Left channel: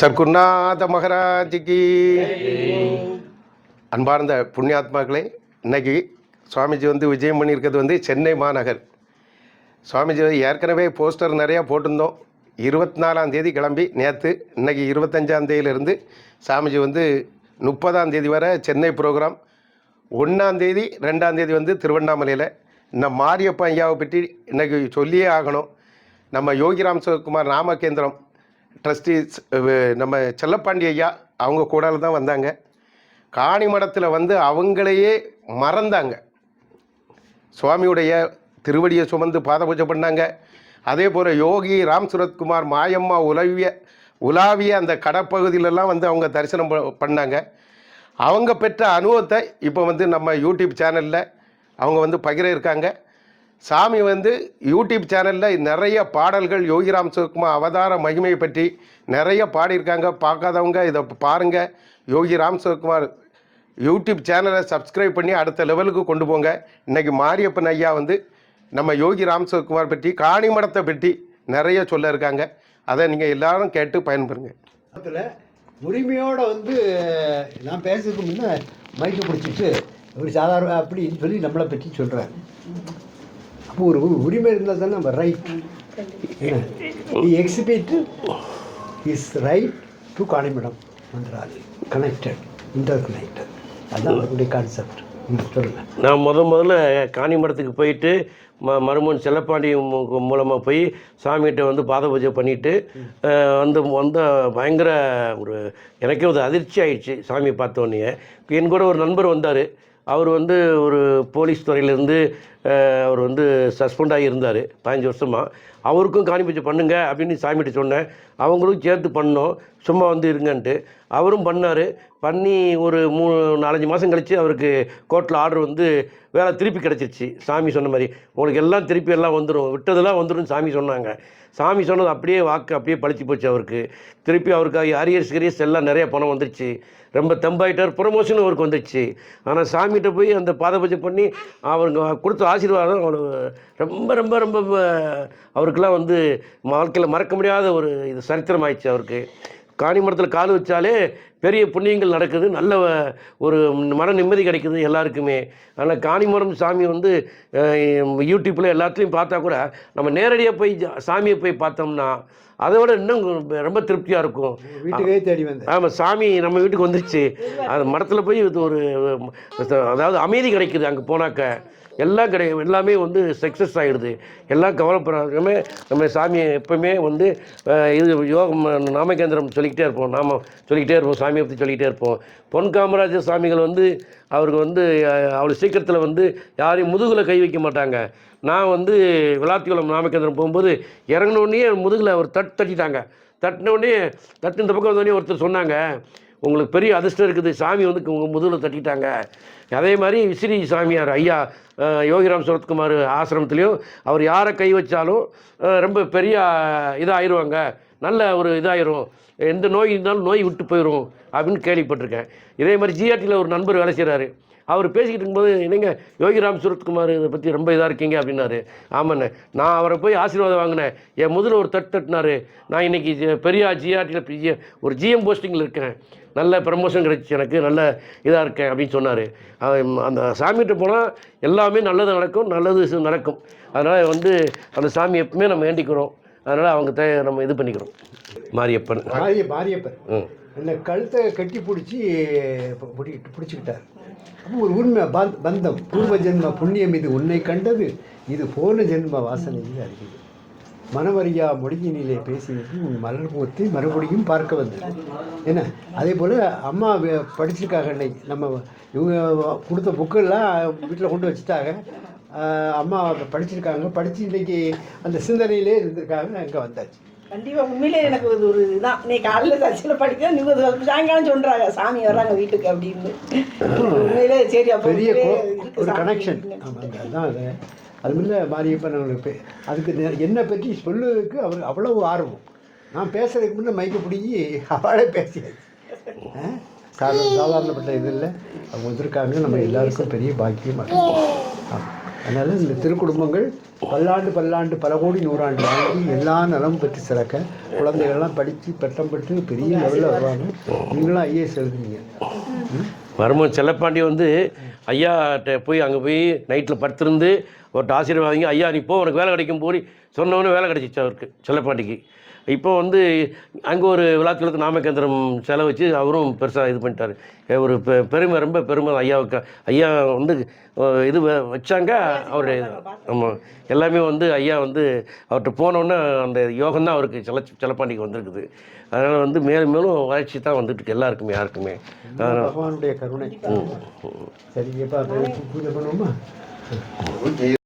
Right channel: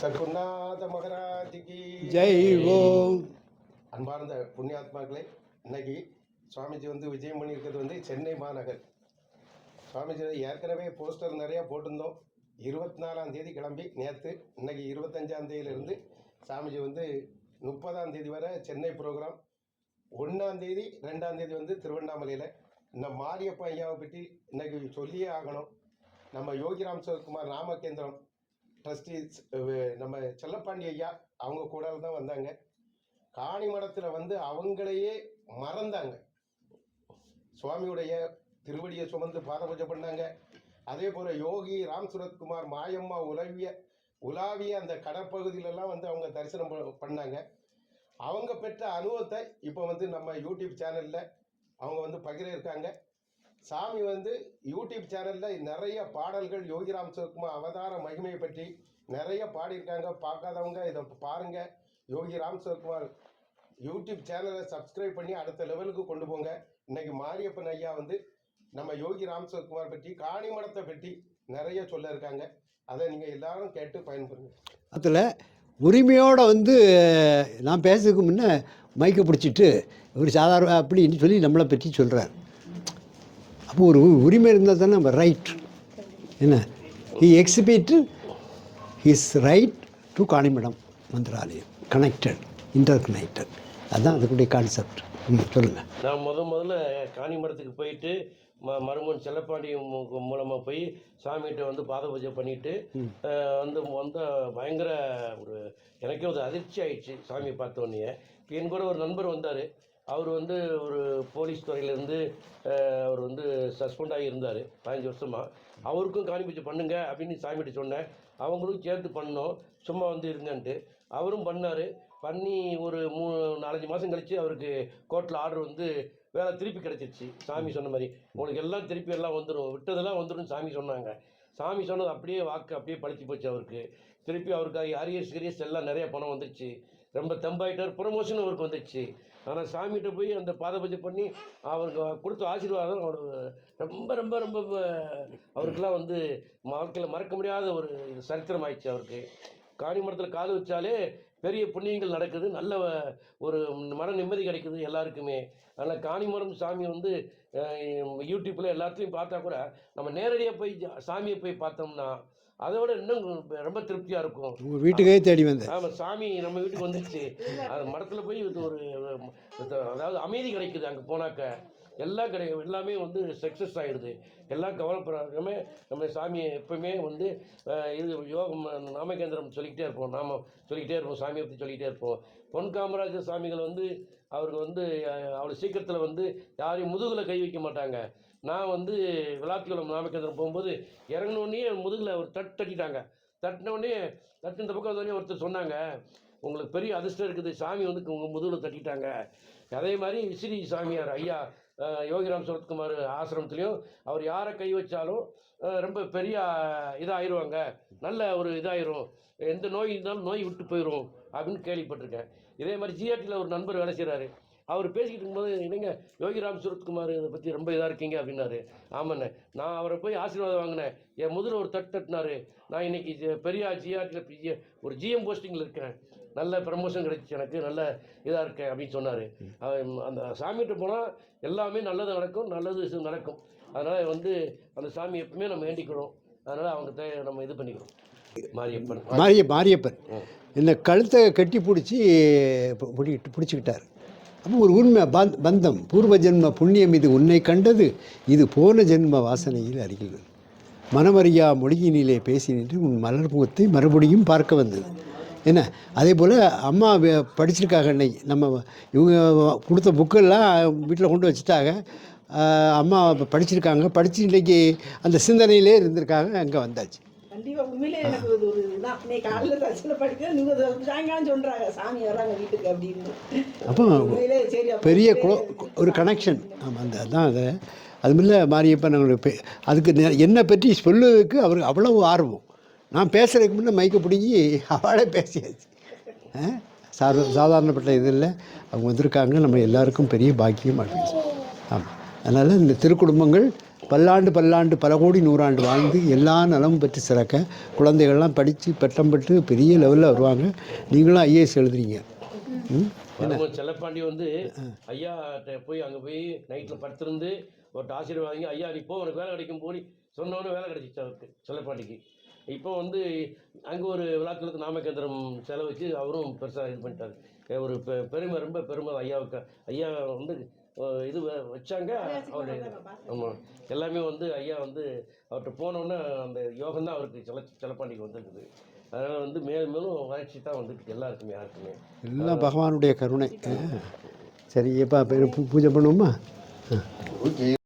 சர்க்குருநாத மகாராஜிக்கு அன்பார்ந்த புண்ணியாத்மாக்களே, இன்னைக்கு சுவாமிஜி விஜயம் பண்ணியிருக்கிறது சென்னை மாநகர். சுவாமிஜி ஏற்கனவே போஸ்டர் நிறையா போட்டிருந்தோம். 24ஆம் தேதி கிளம்பி நேற்று, இன்னைக்கு 25ஆம் தேதியிலிருந்து சாமிஜி 30ஆம் தேதி வரை சென்னை ப்ரோக்ராம். 1ஆம் தேதி 2ஆம் தேதி திருவண்ணாமலையில். இந்த மாரியப்ப ஐயாவை பற்றி இன்றைக்கி சொல்லியே ஆகணும். நம்ம யோகிராம் சிவகுமார் நாமகேந்திரம் ட்ரஸ்டீஸ் நம்ம செல்லப்பாண்டி ஐயா அவங்க கூட தான் வந்தாங்க. காணிமடத்தில் அவங்களையே மறந்தாங்க. சுவாமியுடைய திருவடியை சுமந்து பாத பூஜை பண்ணாங்க. அதே போல் யோகி ராம் சுரத்குமார் மாயம்மா உலாவிய அந்த கடப்பகுதியிலலாம் அவங்க தரிசனம் பண்ணாங்க. அவங்க பெற்ற அனுபவத்தை இப்போ நம்ம யூடியூப் சேனலில் அவங்க பகிர இருக்காங்க. சாமி யூடியூப் சேனலில் நிறைய பாடல்கள் யோகிராம் சிவகுமார் அவதார மகிமையை பற்றி நிறைய பாடியிருக்காங்க. பார்க்காதவங்க இதை பாருங்கள். யோகி ராம் சிவகுமார் யூடியூப் சேனலை சப்ஸ்கிரைப் பண்ணி அடுத்த லெவலுக்கு கொண்டு போங்க. இன்றைக்கி மாரியப்பன் ஐயா நம்ம யோகி ராம் சிவகுமார் பற்றி காணிமடத்தை பற்றி நிறைய சொல்ல இருக்காங்க. அதை நீங்கள் எல்லாரும் கேட்டு பயன்பெறுங்க. அதில் உரிமையோடு நான் பேசுறதுக்கு முன்னே மைக்கை பிடிச்சிட்டு ஒரு சாதாரண அப்படின்னு சொல்லி நம்மளை பற்றி சொல்கிறார். அப்போ ஒரு உரிமை இருந்தால் தானே நம்ம ரைட். என்ன exhibit is right to Kanimadam Mantralayam connected, inter connected. அதுதான் அவருடைய கான்செப்ட். சொல்லுங்கள். நான் முதல்ல காணிமடத்துக்கு போயிட்டு மருமன் செல்லப்பாண்டி மூலமாக போய் சாமிகிட்ட பாத பூஜை பண்ணிவிட்டு வந்த பயங்கர எனக்கே ஒரு அதிர்ச்சி ஆயிடுச்சு சாமியை பார்த்தோன்னே. என் கூட ஒரு நண்பர் வந்தார். அவர் ஒரு போலீஸ் துறையிலேருந்து அவர் சஸ்பெண்ட் ஆகியிருந்தார் 15 வருஷமாக. அவருக்கும் காணி பூஜை பண்ணுங்க அப்படின்னு சாமிகிட்ட சொன்னேன். அவங்களும் சேர்த்து பண்ணோம், சும்மா இருங்கன்ட்டு. அவரும் பண்ணார். பண்ணி ஒரு 3-4 மாதம் கழித்து அவருக்கு கோர்ட்டில் ஆர்டர் வேலை திருப்பி கிடச்சிருச்சு. சாமி சொன்ன மாதிரி உங்களுக்கு எல்லாம் திருப்பி எல்லாம் வந்துடும், விட்டதெல்லாம் வந்துடும் சாமி சொன்னாங்க. சாமி சொன்னது அப்படியே வாக்கு அப்படியே பழிச்சு போச்சு. அவருக்கு திருப்பி அவருக்கு அரியர்ஸ் எல்லாம் நிறைய பணம் வந்துடுச்சு. ரொம்ப தெம்பாயிட்டார். ப்ரொமோஷனும் அவருக்கு வந்துடுச்சு. ஆனால் சாமிகிட்ட போய் அந்த பாத பூஜை பண்ணி அவருக்கு கொடுத்த ஆசீர்வாதம் ரொம்ப ரொம்ப ரொம்ப அவருக்கெல்லாம் வாழ்க்கையில் மறக்க முடியாத ஒரு இது சரித்திரம் ஆயிடுச்சு. அவருக்கு காணிமடத்தில் கால் வச்சாலே பெரிய புண்ணியங்கள் நடக்குது, நல்ல ஒரு மன நிம்மதி கிடைக்குது எல்லாருக்குமே. ஆனால் காணிமடம் சாமி யூடியூப்பில் எல்லாத்துலேயும் பார்த்தா கூட நம்ம நேரடியாக போய் சாமியை போய் பார்த்தோம்னா அதை விட இன்னும் ரொம்ப திருப்தியாக இருக்கும். வீட்டுக்கே தேடி வந்து ஆமாம், சாமி நம்ம வீட்டுக்கு வந்துருச்சு. அந்த மடத்தில் போய் அதாவது அமைதி கிடைக்குது. அங்கே போனாக்க எல்லாம் எல்லாமே சக்ஸஸ் ஆகிடுது. எல்லாம் கவலைப்படாமே நம்ம சாமியை எப்போவுமே இது யோகம் நாமகேந்திரம் சொல்லிக்கிட்டே இருப்போம். சொல்லிக்கிட்டே இருப்போம், சாமியை பற்றி சொல்லிக்கிட்டே இருப்போம். பொன் காமராஜர் சாமிகள் அவருக்கு அவ்வளோ சீக்கிரத்தில் யாரையும் முதுகில் கை வைக்க மாட்டாங்க. நான் விளாத்திக்குளம் நாமகேந்திரம் போகும்போது இறங்கினோடனே முதுகில் ஒரு தட்டிட்டாங்க. தட்டினோடனே இந்த பக்கம் வந்தோடனே ஒருத்தர் சொன்னாங்க, உங்களுக்கு பெரிய அதிர்ஷ்டம் இருக்குது, சாமி உங்கள் முதுகில் தட்டிட்டாங்க. அதே மாதிரி விசிறி சாமியார் ஐயா யோகிராம் சுரத்குமார் ஆசிரமத்துலேயும் அவர் யாரை கை வச்சாலும் ரொம்ப பெரிய இதாகிடுவாங்க, நல்ல ஒரு இதாகிரும், எந்த நோய் இருந்தாலும் நோய் விட்டு போயிடும் அப்படின்னு கேள்விப்பட்டிருக்கேன். இதே மாதிரி ஜிஆர்டியில் ஒரு நண்பர் வேலை செய்கிறாரு. அவர் பேசிக்கிட்டு இருக்கும்போது, என்னங்க யோகிராம் சுரத்குமார் இதை பற்றி ரொம்ப இதாக இருக்கீங்க அப்படின்னாரு. ஆமாண்ணே, நான் அவரை போய் ஆசீர்வாதம் வாங்கினேன். என் முதல்ல ஒரு தட்டினார். நான் இன்றைக்கி பெரிய ஜிஆர்டியில் ஒரு ஜிஎம் போஸ்டிங்கில் இருக்கேன், நல்ல ப்ரமோஷன் கிடைச்சி எனக்கு, நல்ல இதாக இருக்கேன் அப்படின்னு சொன்னார். அந்த சாமிகிட்ட போனால் எல்லாமே நல்லது நடக்கும். அதனால் அந்த சாமி எப்பவுமே நம்ம வேண்டிக்கிறோம். அதனால் அவங்க நம்ம இது பண்ணிக்கிறோம். மாரியப்பன் என்னை கழுத்தை கட்டி பிடிச்சிக்கிட்டார். அப்போ ஒரு உண்மை பந்தம், பூர்வ ஜென்ம புண்ணியம் இது உன்னை கண்டது, இது போன ஜென்ம வாசனையில் அறிகிறது. மனமறியா மொழியினிலே பேசினிட்டு உன் மலர்முகத்தை மறுபடியும் பார்க்க வந்தது. என்ன அதே போல் அம்மா படிச்சிருக்காங்க. இன்னைக்கு நம்ம இவங்க கொடுத்த புக்கெல்லாம் வீட்டில் கொண்டு வச்சுட்டாங்க. அம்மா படிச்சிருக்காங்க, படித்து இன்றைக்கி அந்த சிந்தனையிலே இருந்திருக்காங்க. அங்கே வந்தாச்சு. கண்டிப்பாக உண்மையிலே எனக்கு ஒரு இதுதான். நீ காலையில் தச்சில் படிக்க நீங்கள் சாயங்காலம் சொல்கிறாங்க சாமி வர்றாங்க வீட்டுக்கு அப்படின்னு. உண்மையிலே சரி, பெரிய ஒரு கனெக்ஷன். ஆமாம், அதுதான் அது. அதுமில்ல மாரியப்பன் அவங்களுக்கு அதுக்கு என்னை பற்றி சொல்லுறதுக்கு அவருக்கு அவ்வளவு ஆர்வம். நான் பேசுகிறதுக்கு முன்னே மைக்கை பிடிங்கி அவளே பேசியாச்சு. சாதாரணப்பட்ட இது இல்லை. அவங்க வந்திருக்காங்க, நம்ம எல்லாருக்கும் பெரிய பாக்கியம் அடைஞ்சு. ஆமாம். அதனால் இந்த திருக்குடும்பங்கள் பல்லாண்டு பல்லாண்டு பல கோடி நூறாண்டு வாழ்ந்து எல்லா நலமும் பெற்று சிறக்க குழந்தைகள்லாம் படித்து பட்டம் பெற்று பெரிய லெவலில் வருவாங்க. நீங்களும் ஐஏஎஸ் எழுதுறீங்க. வரும்போது செல்லப்பாண்டி வந்து ஐயாட்ட போய் அங்கே போய் நைட்டில் படுத்திருந்து ஒருத்த ஆசீர்வாதிங்க, ஐயா நீ போ உனக்கு வேலை கிடைக்கும் போய் சொன்னவொன்னே வேலை கிடைச்சிச்சு அவருக்கு செல்லப்பாண்டிக்கு. இப்போ வந்து அங்கே ஒரு விழாக்களுக்கு நாமக்கேந்திரம் செலவு வச்சு அவரும் பெருசாக இது பண்ணிட்டார். ஒரு பெருமை, ரொம்ப பெருமை ஐயாவுக்கு. ஐயா வந்து இது வச்சாங்க அவருடைய. ஆமாம், எல்லாமே வந்து ஐயா வந்து அவர்கிட்ட போனோன்னே அந்த யோகம்தான் அவருக்கு செல்லப்பாண்டிக்கு வந்திருக்குது. அதனால் வந்து மேலும் மேலும் வளர்ச்சி தான் வந்துட்டு இருக்கு எல்லாருக்குமே, யாருக்குமே. பகவானுடைய கருணை. சரி, எப்போ பூஜை பண்ணுவோமா?